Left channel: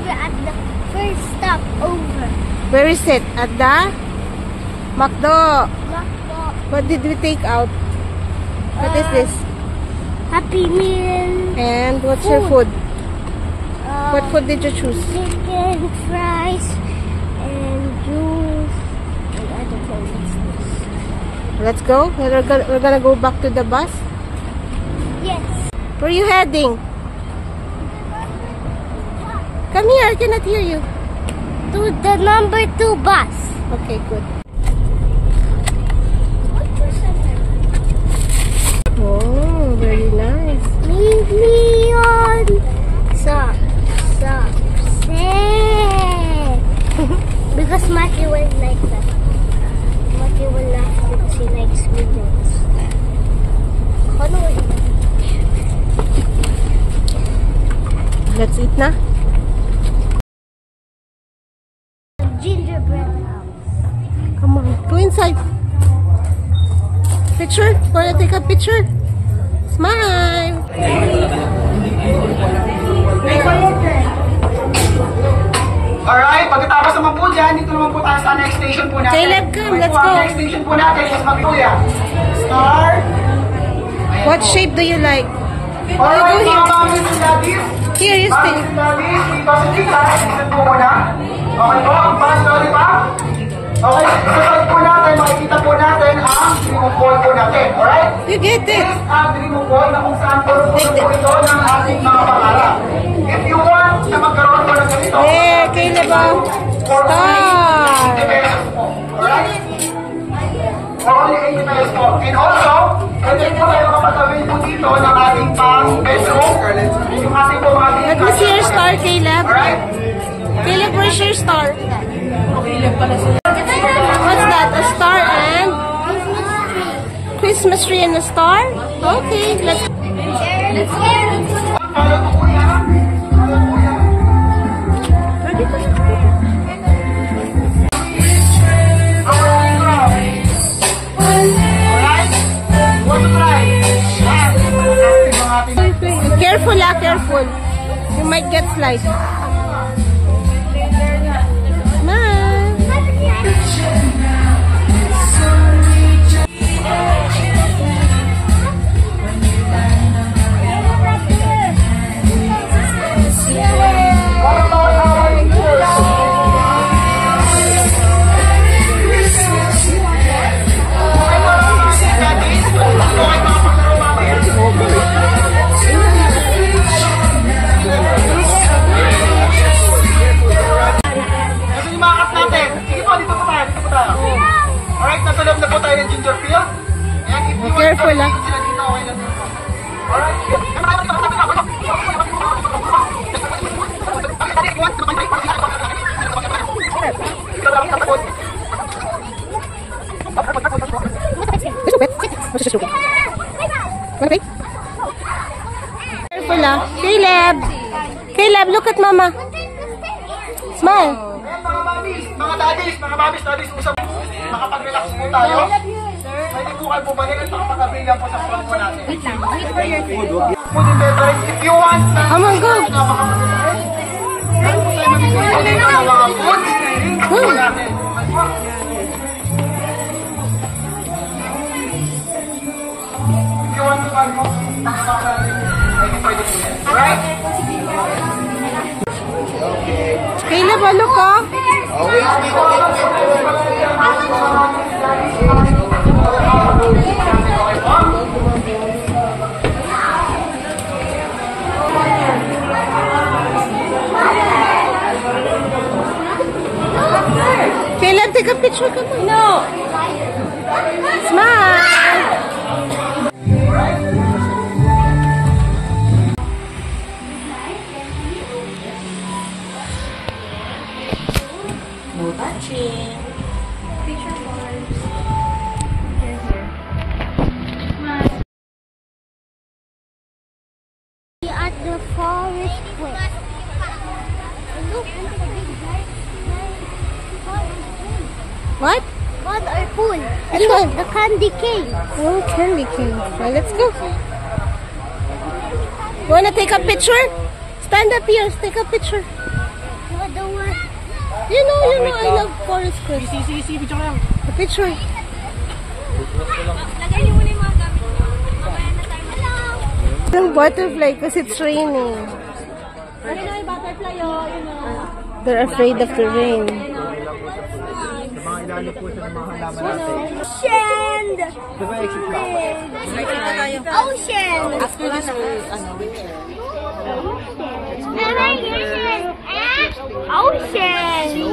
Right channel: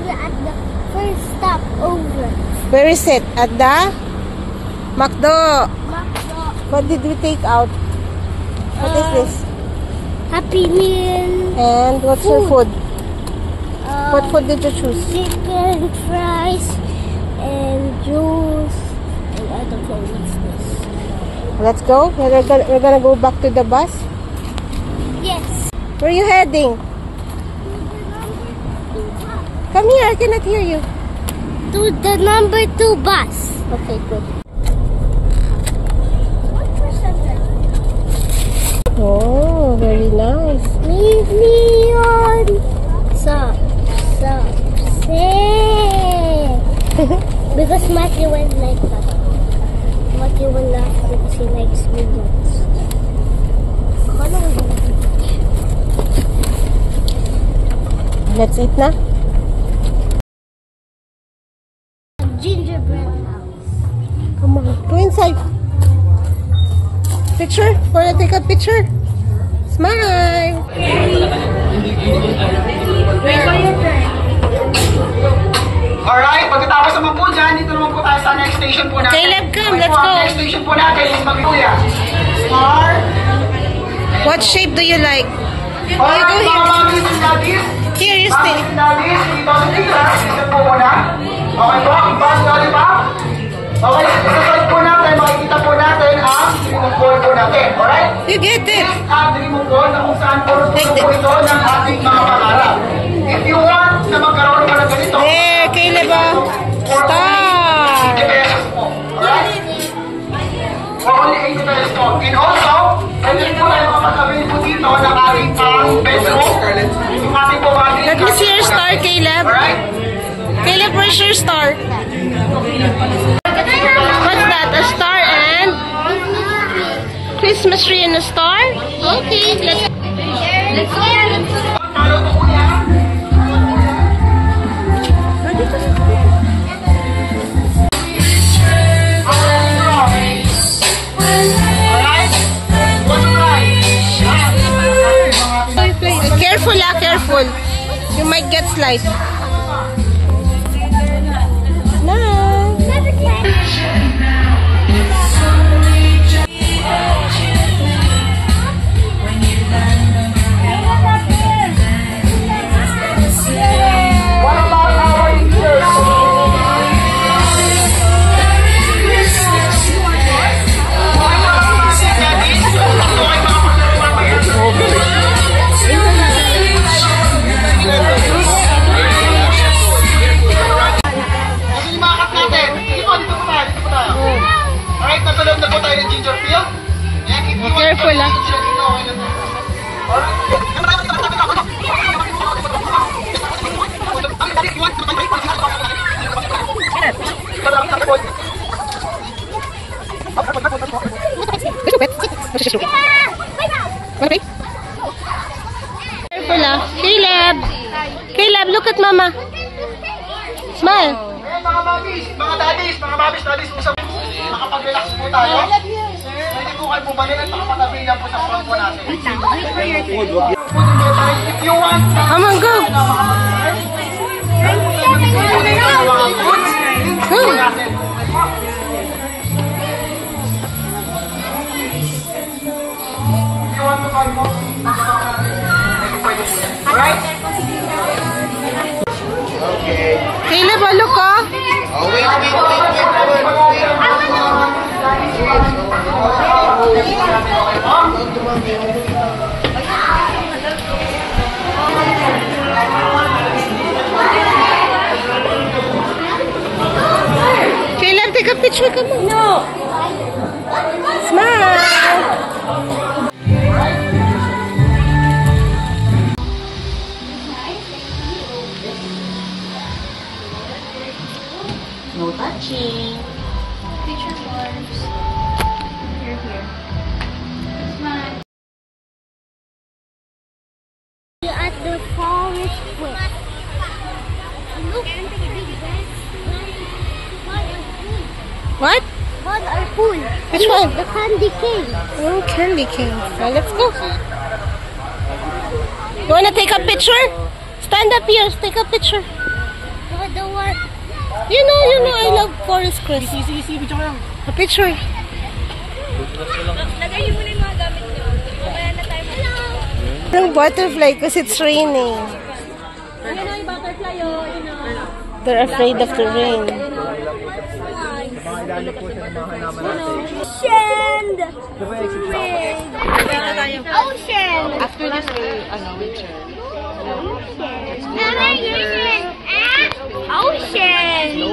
arrived at the first stop over. Where is it? At the McDo. What did we take out? What is this? Happy Meal. And what's your food? What food did you choose? Chicken, fries, and juice. And I don't know what's this. Let's go. We're gonna go back to the bus. Yes. Where are you heading? Come here, I cannot hear you. To the number 2 bus. Okay, good. Oh, very nice. Million. Stop. Because Matthew will like that. Matthew will laugh because he likes millions. Let's eat na. Gingerbread house. Come on, go inside. Picture? Wanna take a picture? Smile. Alright, pagkatapos naman po dyan, dito naman po tayo sa next station po natin. Caleb, come, let's go. Next station po natin is Magnolia. Star. What shape do you like? Alright, mga mommies and daddies. Here, you stay. Mommies and daddies, dito sa tita, exit po muna. Okay po, ang bus lollipop. Okay, isasal po natin, makikita po natin ang remote ball po natin. Alright? You get it. This ang remote ball na kung saan po po ito ng ating mga pangarap. If you want na magkaroon ko ng ganito, Caleb, star. Alright? Only 80 pesos po. And also, pwede po tayo mapatabi po dito ng ating pang Facebook. Yung ating po mga Let me see your star, Caleb. Alright? Caleb, where's your star? What's that? A star and Christmas tree and a star? Okay, let's go. Careful, careful. You might get slide. Careful, Careful, Caleb, look at Mama. Smile. Mga daddies, makapag-relax po tayo. Pwede po kayo bumalik at makapag-avail po sa phone po natin. If you want, come on, go. Go. Alright? Caleb, look, Caleb, take a picture, come on. No. Smile. No touching. Picture yours. Here. Smile. We're at the forest quest. Look, the big guys. What? What our pool? Which one? The candy cane. Oh, candy cane. Now let's go. You wanna take a picture? Stand up here. Take a picture. You know, I love forest creek. A picture. Lagay mo na yung mga gamit nyo. Mamaya na tayo. Hello! Yung butterfly because it's raining. Lagay na yung butterfly, oh. You know. They're afraid of the rain. Ocean! Ocean! After this, we'll check. Ocean!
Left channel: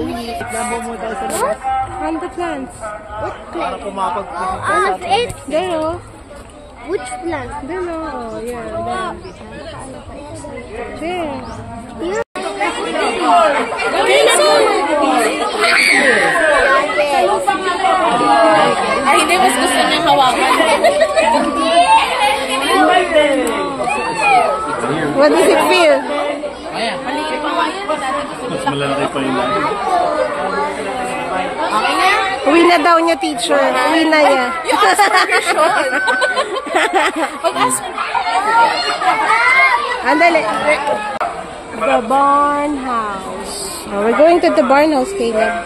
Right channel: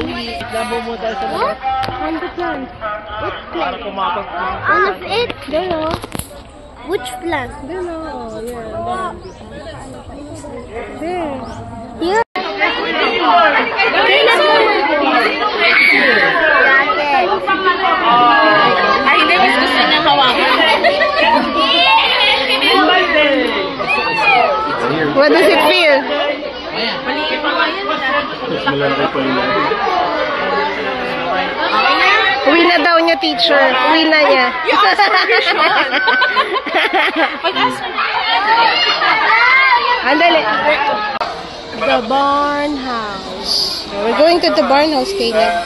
On the plants. All of it? There, oh. Which plant? There, oh. Yeah, there. There. Ay, hindi. Mas gusto niya hawakan. What does it feel? Mas malalaki pa yung lagi. Uwi na daw niya, teacher. Uwi na niya. Andali. The barn house. We're going to the barn house, Caleb.